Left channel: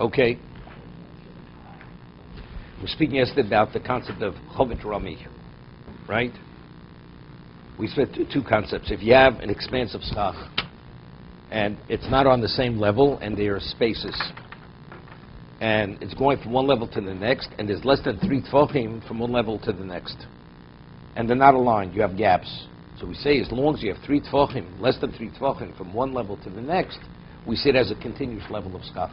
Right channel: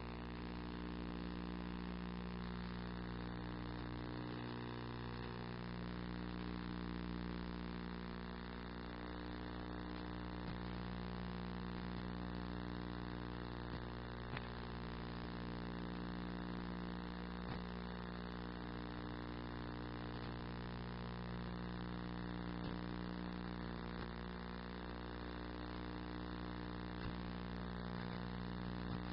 Okay. We were speaking yesterday about the concept of Chovot Rami, right? We spent two concepts. If you have an expansive schach, and it's not on the same level, and there are spaces, and it's going from one level to the next, and there's less than 3 tefachim from one level to the next, and they're not aligned, you have gaps. So we say as long as you have 3 tefachim, less than 3 tefachim from one level to the next, we see it as a continuous level of schach.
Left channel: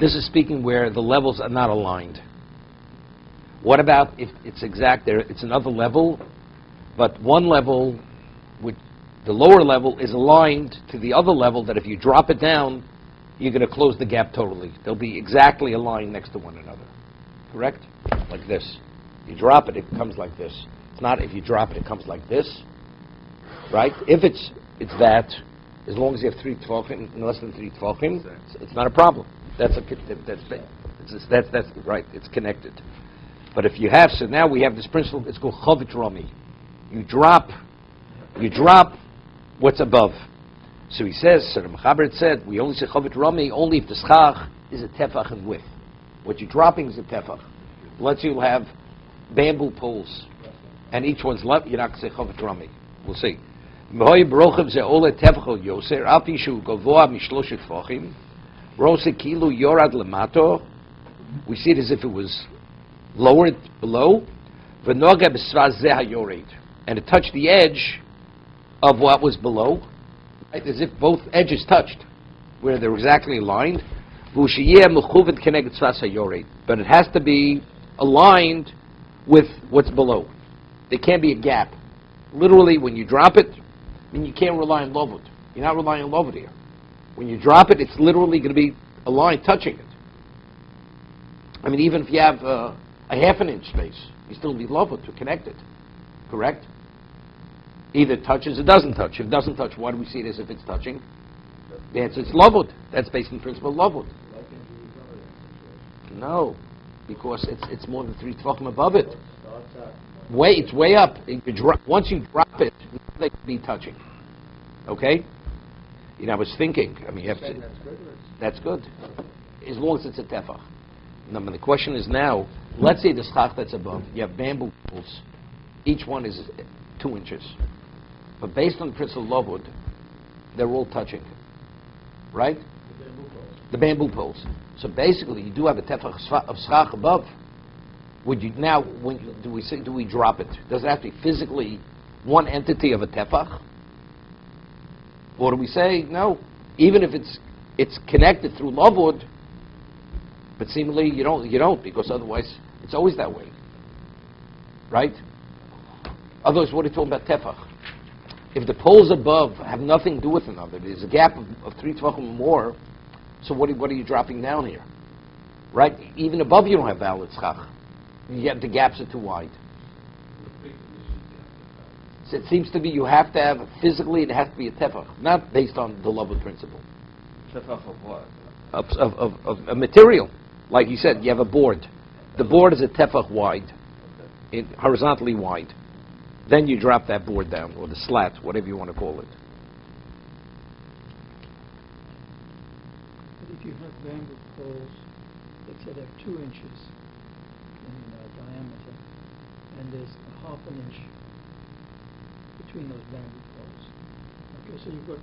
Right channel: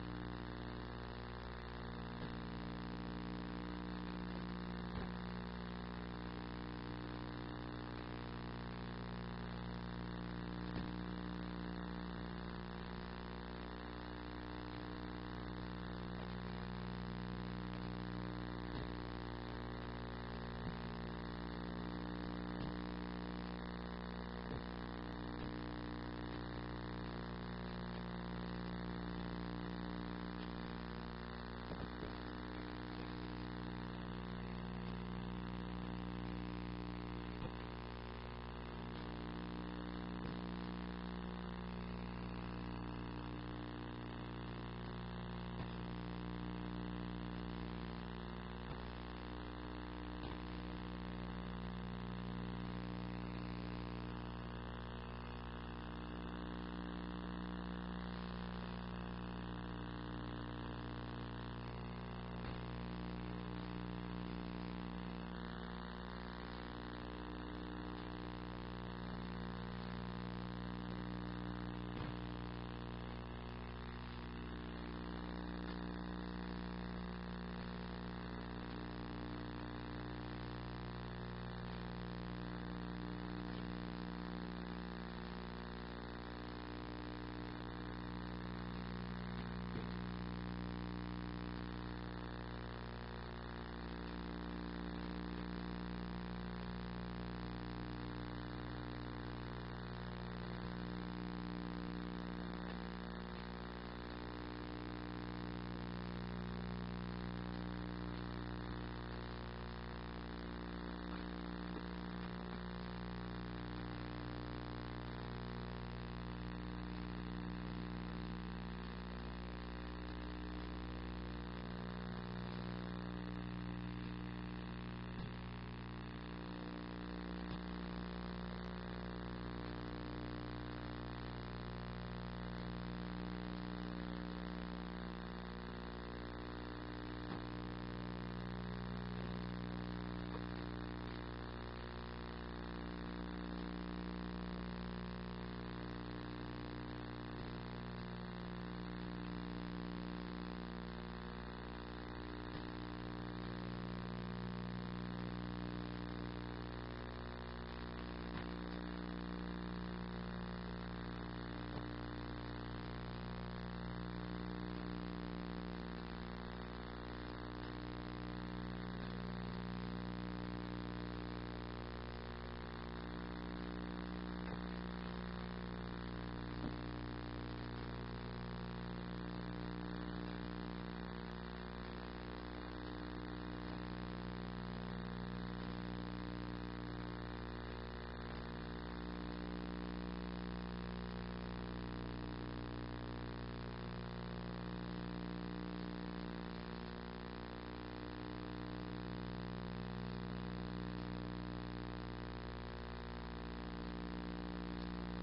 This is speaking where the levels are not aligned. What about if it's exact there, it's another level, but one level, with the lower level, is aligned to the other level that if you drop it down, you're going to close the gap totally. They'll be exactly aligned next to one another. Correct? Like this. You drop it, it comes like this. It's not if you drop it, it comes like this. Right? If it's that, as long as you have 3 tefachim, less than 3 tefachim, it's not a problem. That's right. It's connected. But if you have, so now we have this principle. It's called Chovot Rami. You drop what's above. So he says, so the Mechaber said, we only say Chovot Rami only if the schach is a tefach in width. What you're dropping is a tefach. Let's say you'll have bamboo poles, and each one's left. You're not going to say Chovot Rami. We'll see. We see it as if it was lowered below, and it touched the edge of what was below, right? As if both edges touched, where they're exactly aligned. But it has to be aligned with what's below. There can't be a gap. Literally, when you drop it, then you can't rely on lovut. You're not relying on lovut here. When you drop it, it's literally going to be a line touching it. I mean, even if you have a half an inch space, you still need lovut to connect it. Correct? Either it touches or doesn't touch. If it doesn't touch, why do we see it as if it's touching? The answer is lovut. That's based on the principle of lovut. No, because it's more than 3 tefachim above it. It's way up. Once you drop it, they can be touching. Okay? You know, I was thinking. I mean, you have to, that's good, as long as it's a tefach. Now, the question is now. Let's say the schach that's above. You have bamboo poles. Each one is 2 inches. But based on the principle of lovut, they're all touching. Right? The bamboo poles. So basically, you do have a tefach of schach above. Would you now? When do we drop it? Does it have to be physically one entity of a tefach? Or do we say no? Even if it's connected through lovud, but seemingly you don't because otherwise it's always that way, right? Otherwise, what are you talking about tefach? If the poles above have nothing to do with another, there's a gap of 3 tefachim or more. So what are you dropping down here? Right? Even above you don't have valid schach. The gaps are too wide. So it seems to be you have to have, physically it has to be a tefach, not based on the lovud principle. Tefach of what? Of a material. Like you said, you have a board. The board is a tefach wide, horizontally wide. Then you drop that board down, or the slat, whatever you want to call it. If you have bamboo poles, let's say they're 2 inches in diameter, and there's half an inch between those bamboo poles. Okay, so you've got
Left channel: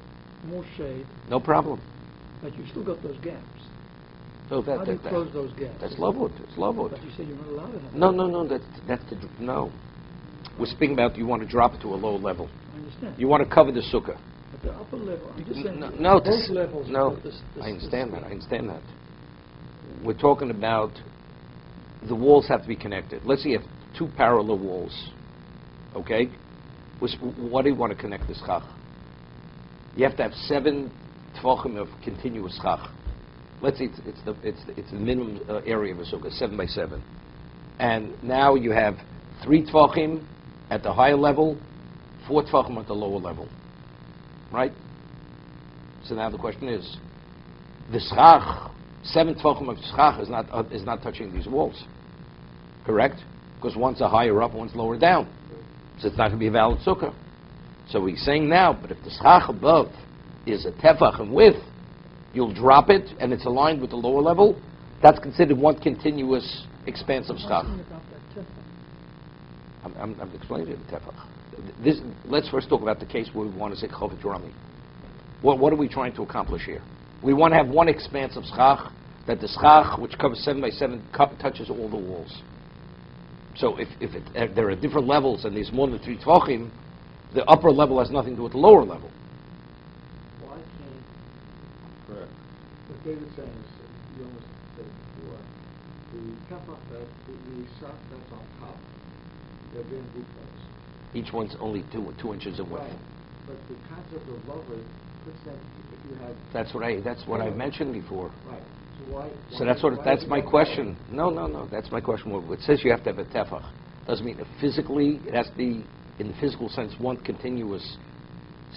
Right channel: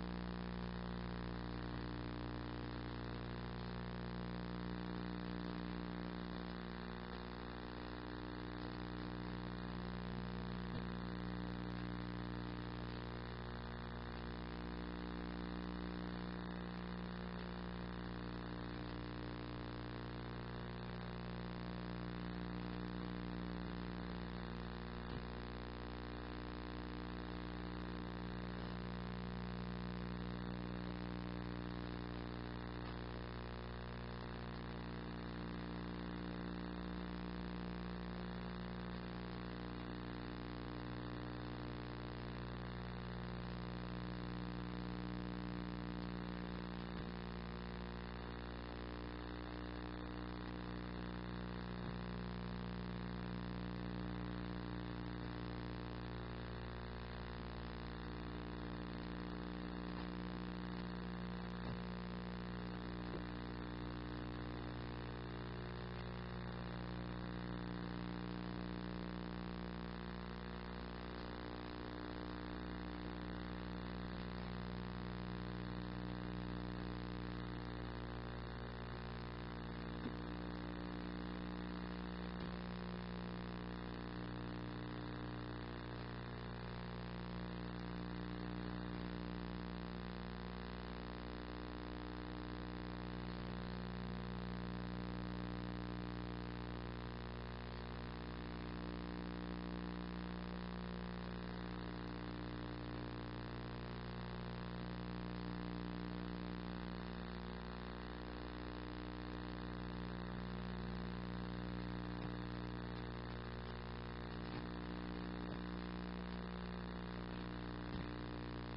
more shade. No problem. But you've still got those gaps. So How do you close those gaps? That's lovud. It's lovud. But you said you're not allowed to have No. No. We're speaking about you want to drop it to a lower level. I understand. You want to cover the sukkah. At the upper level, I'm just saying Both levels. No, I understand that. We're talking about the walls have to be connected. Let's say you have 2 parallel walls. Okay? What do you want to connect this schach? You have to have 7 tefachim of continuous schach. Let's say it's the minimum area of a sukkah, 7 by 7. And now you have 3 tefachim at the higher level, 4 tefachim at the lower level. Right? So now the question is, the schach, 7 tefachim of schach is not touching these walls. Correct? Because one's a higher up, one's lower down. So it's not going to be a valid sukkah. So he's saying now, but if the schach above is a tefach in width, you'll drop it, and it's aligned with the lower level. That's considered one continuous expanse of schach. I'm explaining it. Let's first talk about the case where we want to say Chovot Rami. What are we trying to accomplish here? We want to have one expanse of schach, that the schach, which covers 7 by 7 cup, touches all the walls. So if there are different levels and there's more than 3 tvachim, the upper level has nothing to do with the lower level. Each one's only 2 inches away. That's what I mentioned before. So that's my question. No. That's my question. Well, it says you have to have a tefach. Doesn't mean that physically it has to be, in the physical sense, one continuous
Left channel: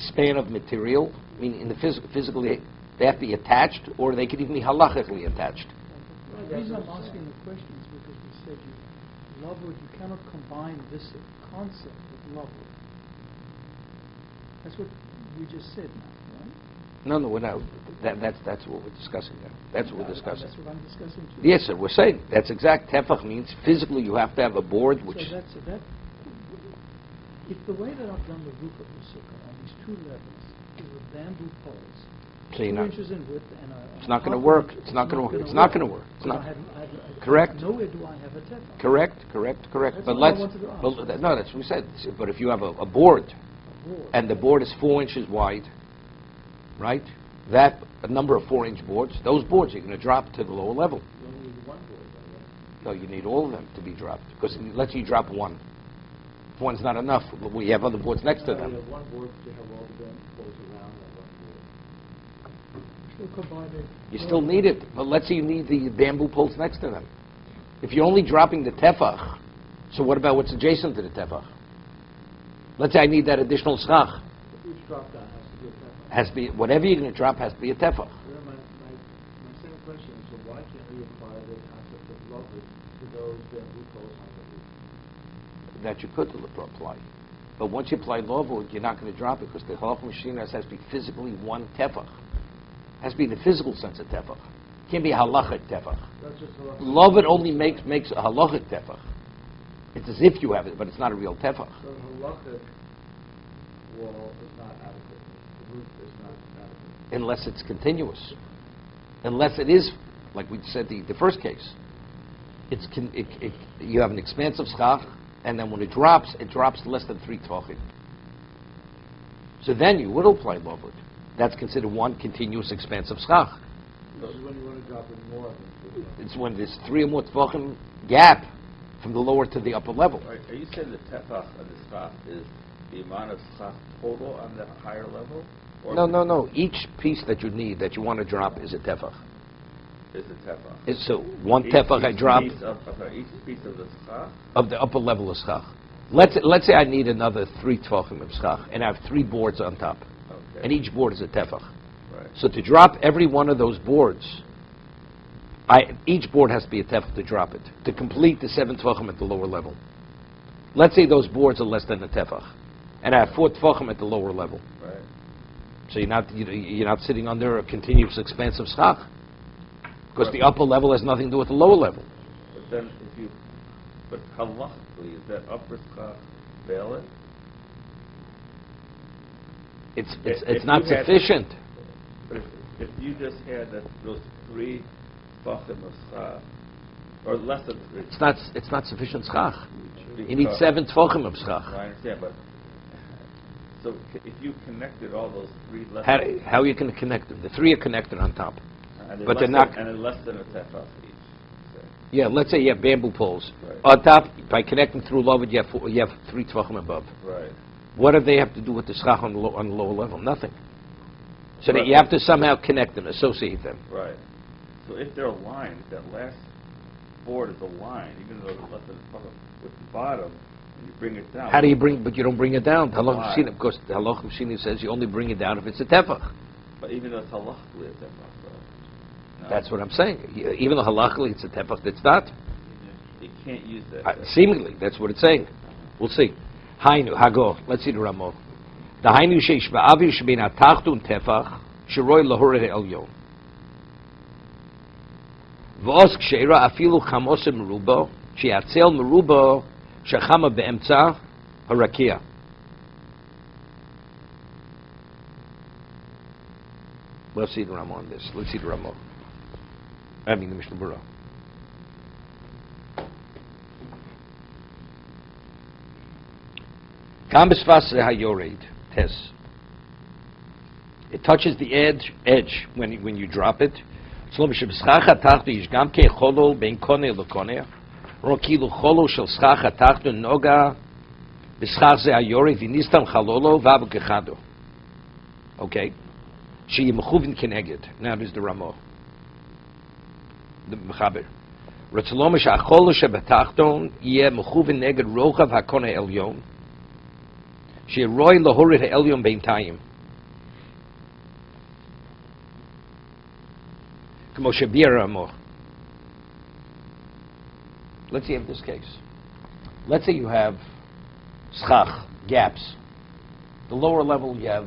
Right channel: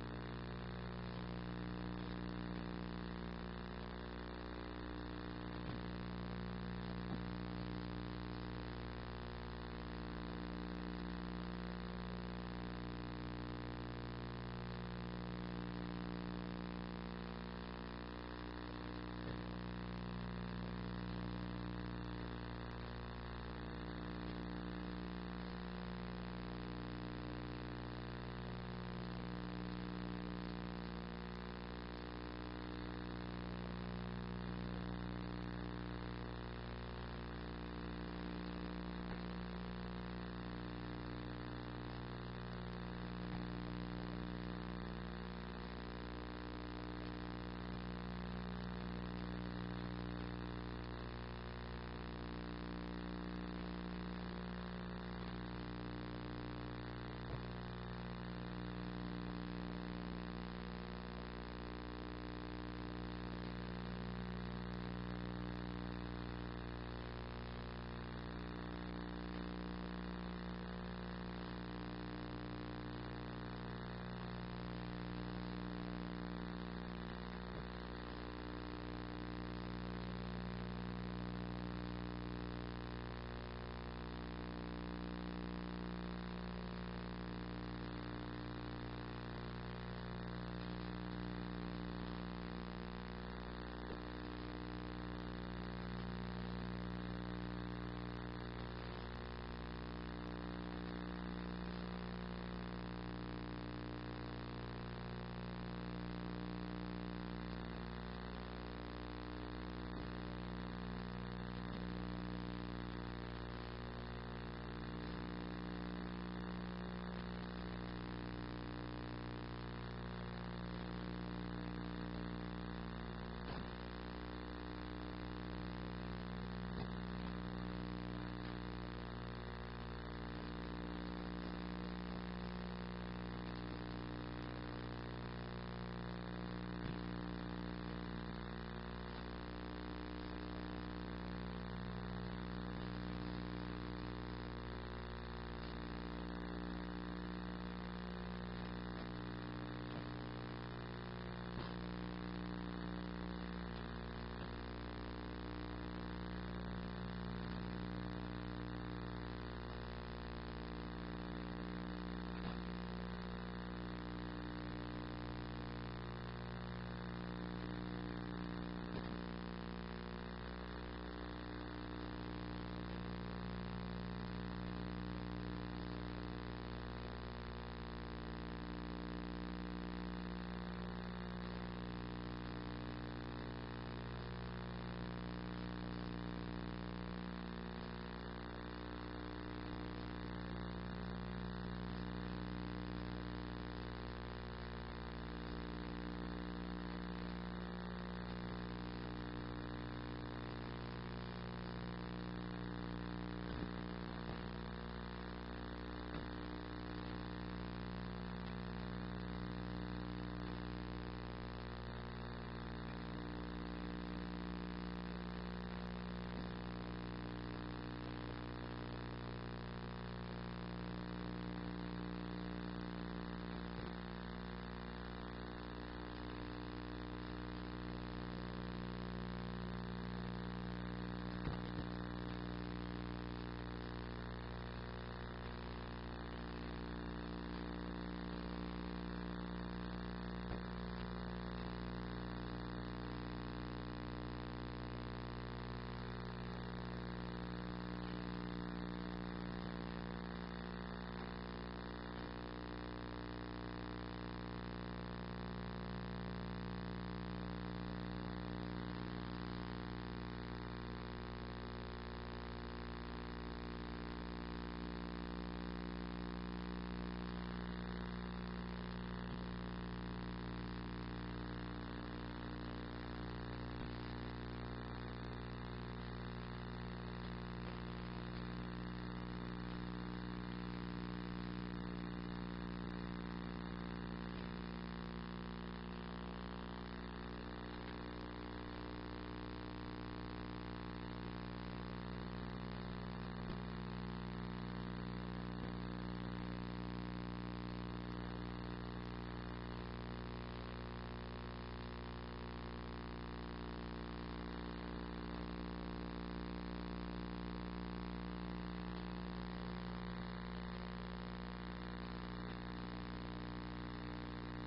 span of material. I mean, in the physically they have to be attached, or they could even be halachically attached. The reason I'm asking the question is because you said in other words, you cannot combine this concept with love. That's what you just said. Right? No, we're not. That's what we're discussing. That's what we're discussing. That's what I'm discussing too. Yes, sir. We're saying that's exact. Tefach means physically you have to have a board which. So if the way that I've done the roof of the sukkah on these 2 levels is with bamboo poles, So 2 inches in width, and it's not going to work. It's not going to work. It's not going to work. It's not. Correct. Nowhere do I have a tefach. Correct. That's But all I let's. wanted to ask. Well, no, that's what we said. But if you have a board, and the board is 4 inches wide, right? That a number of 4-inch boards. Those boards you're going to drop to the lower level. No, you need all of them to be dropped. Because let's say you drop one. If one's not enough, we have other boards next to them. You still need it, but let's say you need the bamboo poles next to them. If you're only dropping the tefach, so what about what's adjacent to the tefach? Let's say I need that additional schach. Has to be, whatever you're going to drop has to be a tefach. That you could apply. But once you apply Lovud, you're not going to drop it because the halach machine has to be physically one tefach. Has to be in the physical sense of tefach. It can't be a halachic tefach. Lovud only makes a halachic tefach. It's as if you have it, but it's not a real tefach. Unless it's continuous. Unless it is, like we said, the first case. You have an expansive schach, and then when it drops less than 3 tvachim. So then you will apply Lovud. That's considered one continuous expansive schach. It's when there's 3 or more tvachim gap from the lower to the upper level. Right. Are you saying the tefach of the schach is the amount of schach total on that higher level? No. Each piece that you need, that you want to drop, is a tefach. Is a tefach. So one tefach I drop each piece of the schach? Of the upper level of schach. Let's say I need another 3 tvachim of schach, and I have 3 boards on top. Okay. And each board is a tefach. Right. So to drop every one of those boards, each board has to be a tefach to drop it, to complete the 7 tvachim at the lower level. Let's say those boards are less than a tefach, and I have 4 tvachim at the lower level. Right. So you're not sitting under a continuous expansive schach, because the upper level has nothing to do with the lower level. But then but halachically, is that upper schach valid? It's not sufficient. But if you just had those 3 tvachim of schach, or less than 3. It's not sufficient schach. You need 7 tvachim of schach. I understand, but so if you connected all those 3 levels, How are you going to connect them? The 3 are connected on top. But they're and not. And less than a tefach each. Yeah, let's say you have bamboo poles. Right. On top, by connecting through Lovud, you have 3 tvachim above. Right. What do they have to do with the schach on the lower level? Nothing. So that Right. you have to somehow connect them, associate them. Right. So if they're aligned, that last board is aligned, even though it's less than the bottom, you bring it down. How do you but you don't bring it down? Halach Why? Mishina, of course, the Halach Mishina says you only bring it down if it's a tefach. But even though it's halachically a tefach, That's what I'm saying. Even though halachically it's a tefach, it's not. you can't use that. Seemingly, that's what it's saying. We'll see. Hainu, Hago. Let's see the Ramah. The Hainu sheish ba'avi shebina tachtun tefach sheroi lahore elyon. V'os ksheira afilu chamose merubo, she'atzel merubo shechama be'emtza harakia. Let's see the Ramah on this. Let's see the Ramah. I mean, the Mishna Berura. Kam b'sfas hayored tes. It touches the edge when you drop it. So b'shebschach hatachto yish gam ke cholol ben koneh lekoneh. Ro kilu cholol shel schach hatachto noga b'schach ze hayored v'nistam chalolo v'abu kechado. Okay. She mechuvin keneged. Now there's the Ramah. The Mechaber. Ratzalom shachol shebetachton yeh mechuvin neged rochav hakoneh elyon. She roy lahorit ha'elyon beintayim. Kmo shebir Ramah. Let's say in this case. Let's say you have schach, gaps. The lower level you have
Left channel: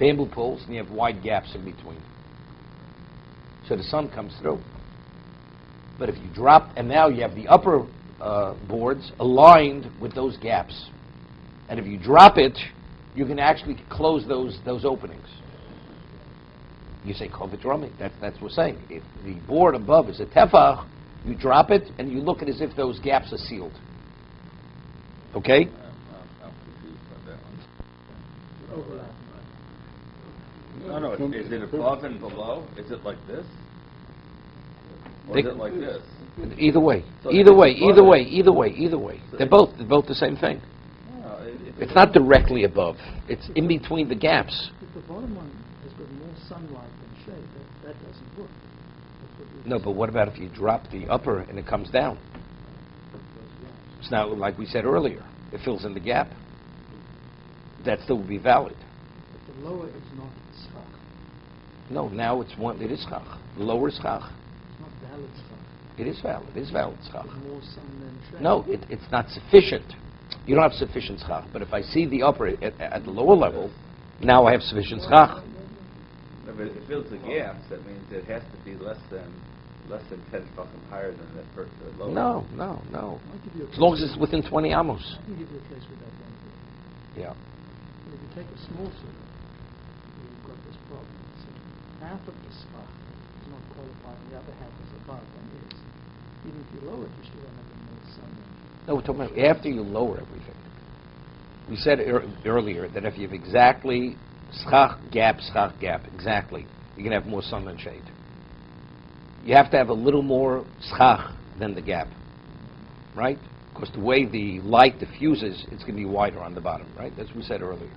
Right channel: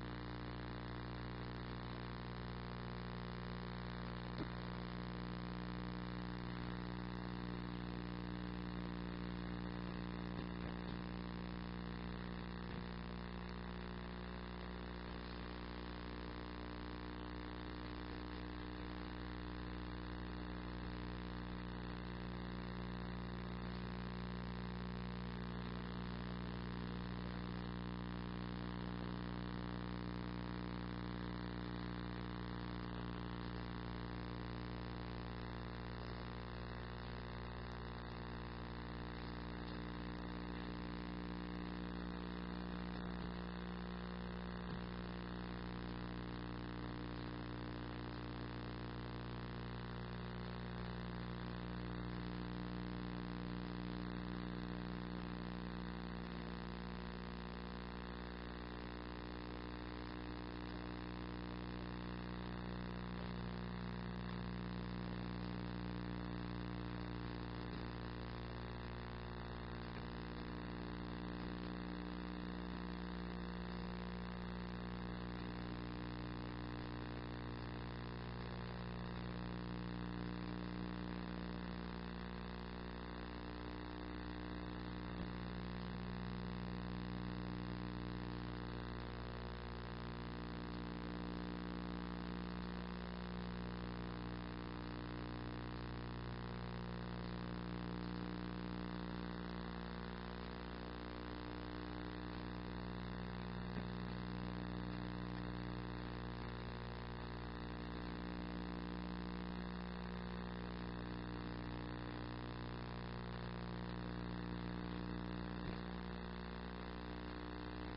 bamboo poles, and you have wide gaps in between. So the sun comes through. But if you drop, and now you have the upper boards aligned with those gaps. And if you drop it, you can actually close those openings. You say, Chovot HaLevavot. That's what we're saying. If the board above is a tefach, you drop it, and you look at it as if those gaps are sealed. Okay? No, is it above and below? Is it like this? Or is it like this? Either way. So Either way. They're both the same thing. It's not directly above. It's in between the gaps. The bottom one is with more sunlight and shade. That doesn't work. No, but what about if you drop the upper and it comes down? It's now, like we said earlier, it fills in the gap. That still would be valid. But the lower is not schach. No, now it's one. It is schach. The lower is schach. It's not valid schach. It is valid. It is valid schach. There's more sun than shade. No, it's not sufficient. You don't have sufficient schach. But if I see the upper at the lower level, now I have sufficient schach. If it fills the gaps, that means it has to be less than 10 fucking higher than that first or lower. No. As long as it's within 20 amos. I can give you a case with that one. Yeah. But if you take a small circle, you've got this problem. So half of the schach is not qualified, the other half is above, and it's, even if you lower it, you still have more sun. No, we're talking about after you lower everything. We said earlier that if you have exactly schach gap, exactly, you can have more sun than shade. You have to have a little more schach than the gap, right? Because the way the light diffuses, it's going to be wider on the bottom, right? That's what we said earlier.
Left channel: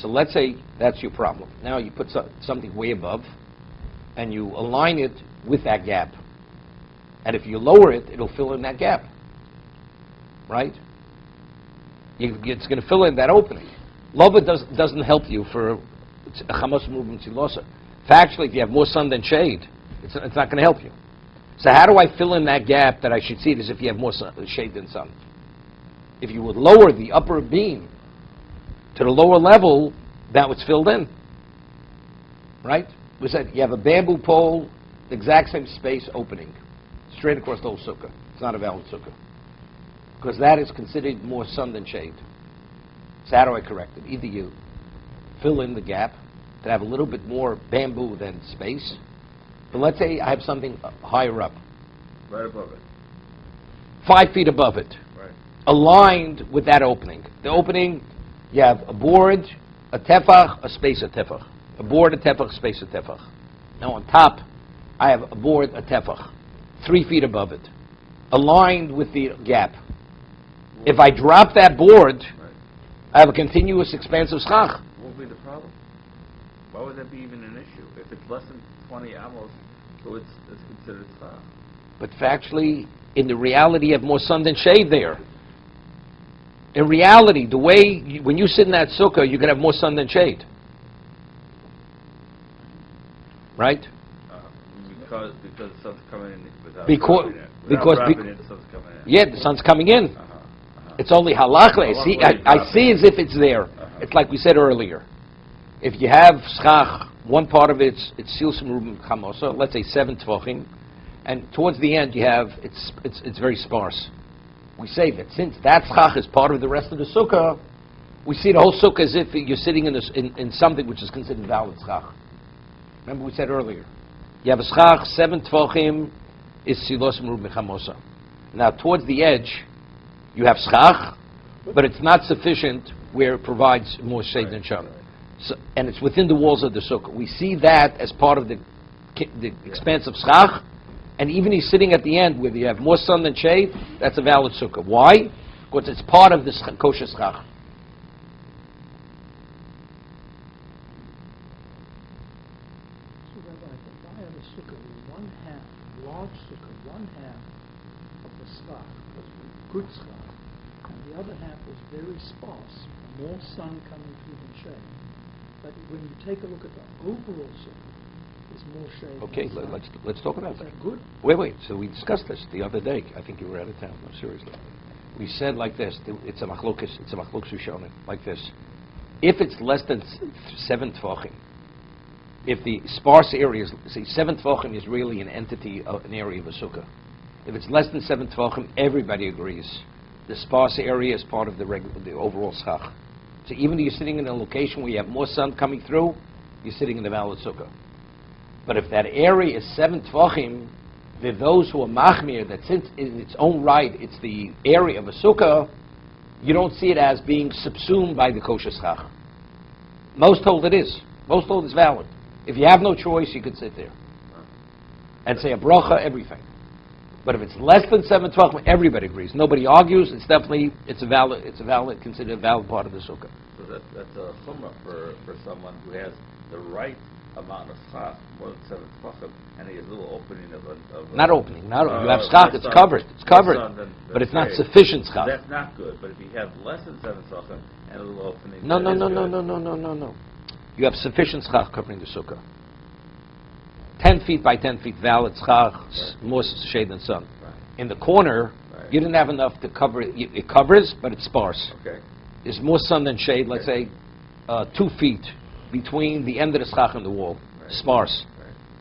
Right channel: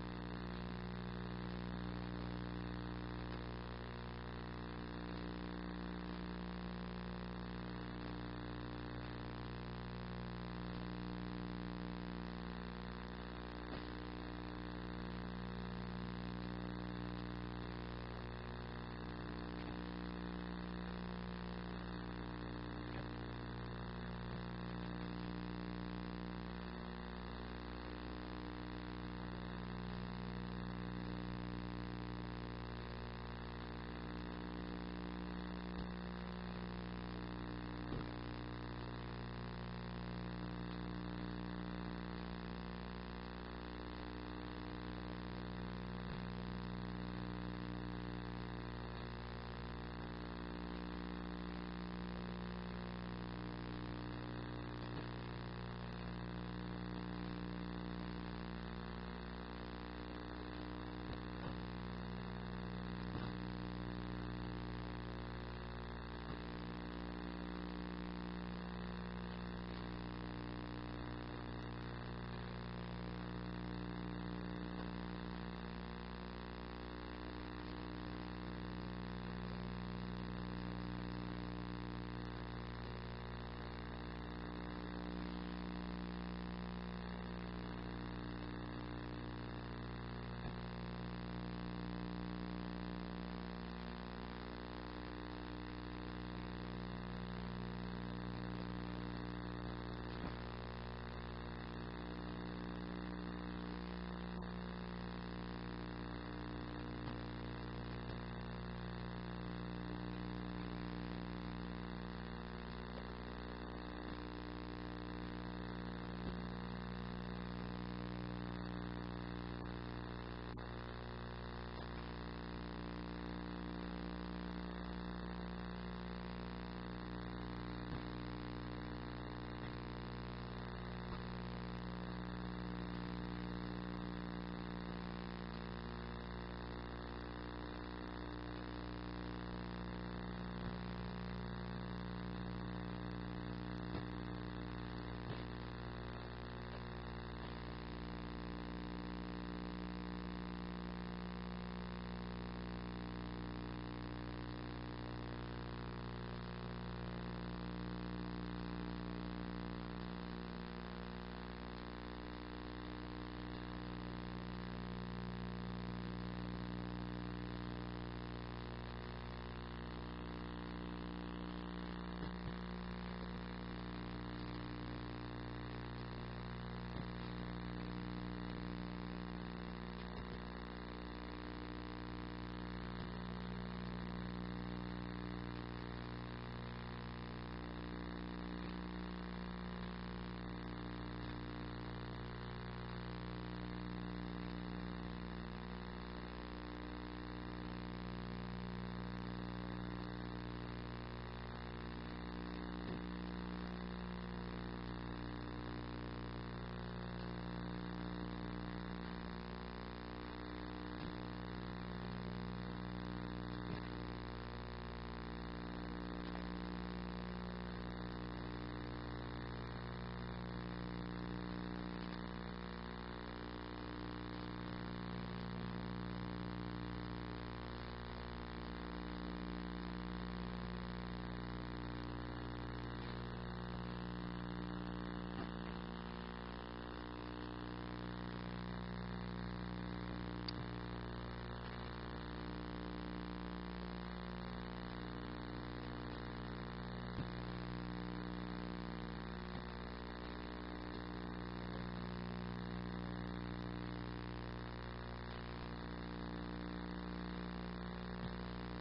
So let's say that's your problem. Now you put something way above, and you align it with that gap. And if you lower it, it'll fill in that gap, right? It's going to fill in that opening. Lova doesn't help you for a chamos movement silosa. Factually, if you have more sun than shade, it's not going to help you. So how do I fill in that gap that I should see it as if you have more shade than sun? If you would lower the upper beam to the lower level, that was filled in. Right? We said you have a bamboo pole, the exact same space opening, straight across the whole sukkah. It's not a valid sukkah. Because that is considered more sun than shade. So how do I correct it? Either you fill in the gap to have a little bit more bamboo than space. But let's say I have something higher up. Right above it. 5 feet above it. Right. Aligned with that opening. The opening, you have a board, a tefach, a space, a tefach. A board, a tefach, space, a tefach. Now on top, I have a board, a tefach. 3 feet above it. Aligned with the gap. If I drop that board, I have a continuous expansive schach. What would be the problem? Why would that be even an issue? If it's less than 20 amos, so it's considered schach. But factually, in the reality, you have more sun than shade there. In reality, the way, when you sit in that sukkah, you're going to have more sun than shade. Right? Because the sun's coming in without Because dropping it, the sun's coming in. Yeah, the sun's coming in. It's only halachah. I see as if it's there. It's like we said earlier. If you have schach one part of it's silsum rubim chamosa, let's say 7 tefachim, and towards the end you have it's very sparse. We say that since that schach is part of the rest of the sukkah, we see the whole sukkah as if you're sitting in something which is considered valid schach. Remember we said earlier, you have a schach 7 tefachim is silsum rubim chamosa. Now towards the edge you have schach, but it's not sufficient where it provides more shade than shade. So, and it's within the walls of the sukkah. We see that as part of the expanse of schach, and even he's sitting at the end where you have more sun than shade, that's a valid sukkah. Why? Because it's part of the kosher schach. Good schach, and the other half is very sparse, more sun coming through than shade. But when you take a look at the overall sukkah, there's more shade. Okay, than sun. let's talk about that. Good. Wait. So we discussed this the other day. I think you were out of town. No, seriously. We said like this. It's a machlokes. It's a machlokes Rishonim. Like this. If it's less than 7 tefachim, if the sparse area is, see, 7 tefachim is really an entity of an area of a sukkah. If it's less than 7 tefachim, everybody agrees. The sparse area is part of the overall schach. So even if you're sitting in a location where you have more sun coming through, you're sitting in the valid sukkah. But if that area is 7 tefachim, there are those who are machmir that since in its own right it's the area of a sukkah, you don't see it as being subsumed by the kosher schach. Most hold it is. Most hold it's valid. If you have no choice, you could sit there and say a bracha, everything. But if it's less than 7 tefachim, everybody agrees. Nobody argues. It's a valid, considered a valid part of the sukkah. So that's a summa for someone who has the right amount of schach, more than 7 tefachim, and he has a little opening of not opening. You have schach. It's covered. It's covered. But it's not sufficient schach. That's not good. But if you have less than 7 tefachim and a little opening, No. You have sufficient schach covering the sukkah. 10 feet by 10 feet, valid schach, more shade than sun. In the corner, you didn't have enough to cover it. It covers, but it's sparse. Okay. There's more sun than shade, let's say 2 feet between the end of the schach and the wall. Sparse.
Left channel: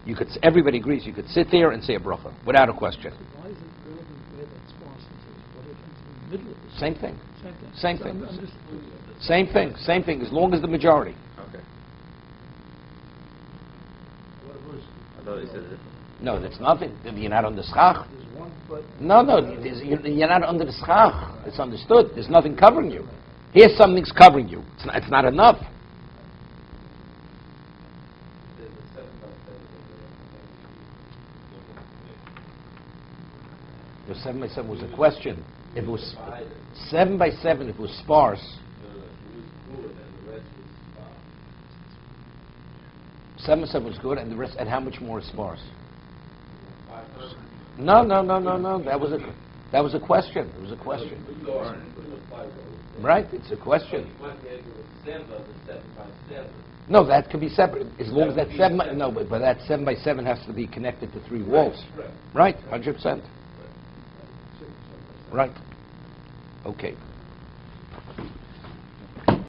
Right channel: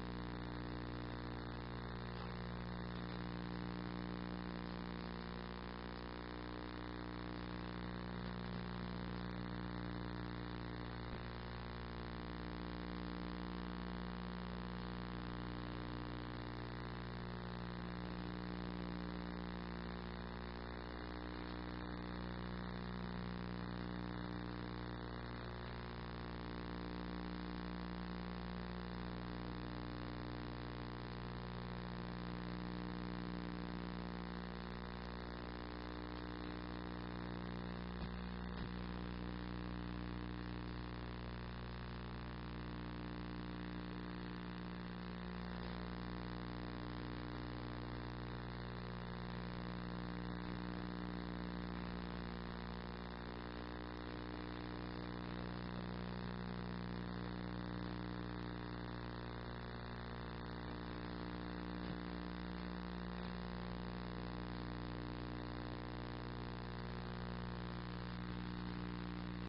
You could. Everybody agrees. You could sit there and say a bracha without a question. Why is it more than there than sparse? What happens in the middle of the Same thing. Same Same thing. I'm just- Same thing. Same thing. As long as the majority. Okay. I thought he said it. No, that's nothing. You're not on the schach. No. You're not under the schach. It's understood. There's nothing covering you. Here, something's covering you. It's not enough. The 7 by 7 was a question. If it was 7 by 7, if it was sparse. 7 by 7 was good, and the rest. And how much more is sparse? No. That was a question. It was a question. Right? It's a question. No, that could be separate. As long as that 7. No, but that 7 by 7 has to be connected to 3 walls. Right? 100%. Right. Okay.